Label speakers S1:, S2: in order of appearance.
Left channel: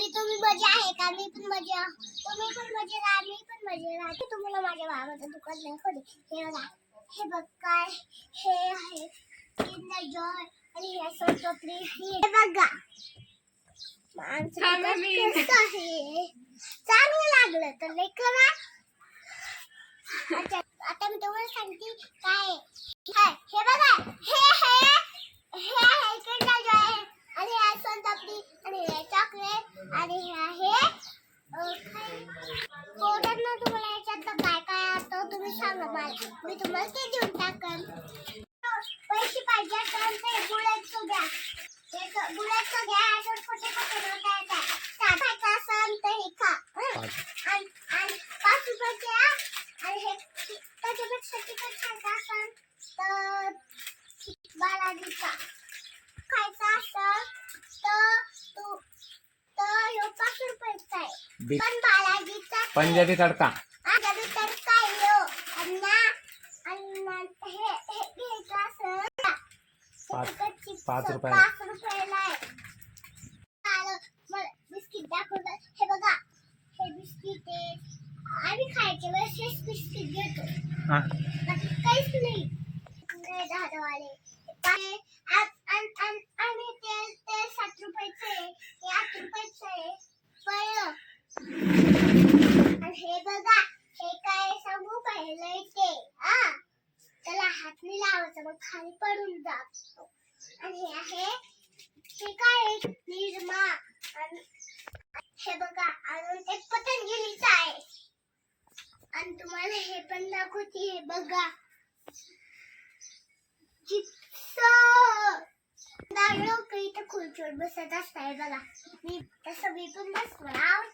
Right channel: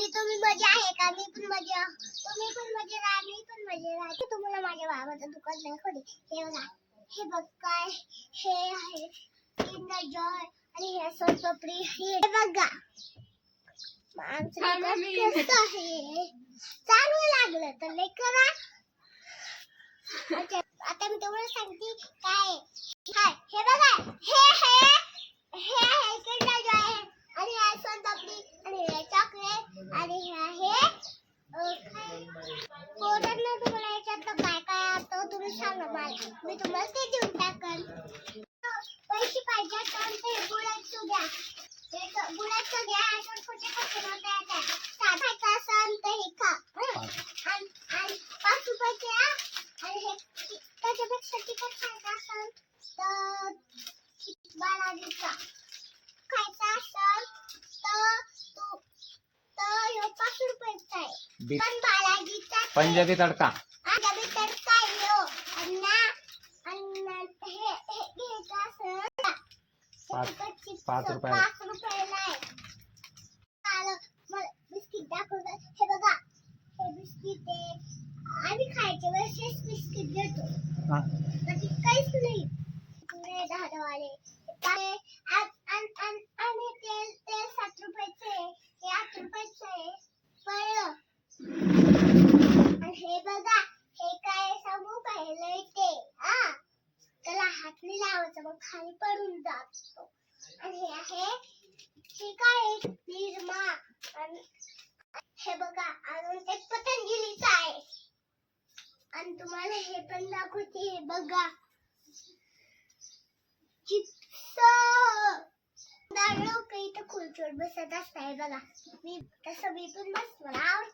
S1: तरी तुम्ही मजा आहे का? मी पण मजा तुम्ही पण मजे राहा मी पण मजे राहा. तुम्हाला माझ्या भावाचं दुकान नाही खोली. हे बघा. हे बघ काय हे आहे. किंडर जॉय आणि हे सोन पापडी हे बघा. माणसं? आहे. चांगलं लागलं तर करा अच्छा, आता मी तुम्हाला सांगते काय आहे. हाय, हे बघा हे हे हे आहे किंडर जॉय आणि हे सोन पापडी आणि हे चॉकलेट आणि हे आहे अं, काय? पोरांनो तुम्हाला याच्यातलं काय काय असतं मी तुम्हाला ते देऊन टाकन पैसे पाहिजे तर ते गुळाचं घ्या. ते गुळाचं नोटा असेल तर हे खा? आणि आणि पाच रुपयाचे आ, आणि हे त्याच्यापेक्षा तिखट खायचं असेल तर खायचा असेल तर तू तर ह्यो पाच रुपयाचा आहे.
S2: बी-
S1: पण बालाजीचा
S2: पंजाबी तडका
S1: पंजाबी तडका आहे ह्यो. अन्ना अन्ना हे हे घ्यायचं असेल का?
S2: पाच-
S1: तिखट चिप्स
S2: पाच रुपयाला.
S1: पाच रुपयाला. आहे. आलं मला बिस्किट दाखवलं हे बघा हे बिस्किट आहे. आम्ही खायच्या वेळेस हेच बिस्किट घेतो
S2: हा.
S1: बाकी काहीच नाही. नाही दहा दहावाले आणि तेल तेल सात रुपयाचं आहे हे आठ रुपयाचं आहे. कळलं आणि हे बघा हे काय सांगू पाहिलं ते. हा. त्याला हात नाही लावायचा मग खाली पडून जातो आणि हे आहे हे काय आहे निरमा आणि हे बघा अजून एक पतंजलीच आहे. आणि तुम्हाला हे पण दाखवते हे बघा. चिप्स. लोक तर खुर्चीवर बसत असताय बघा. मी तसं मी पण बसणार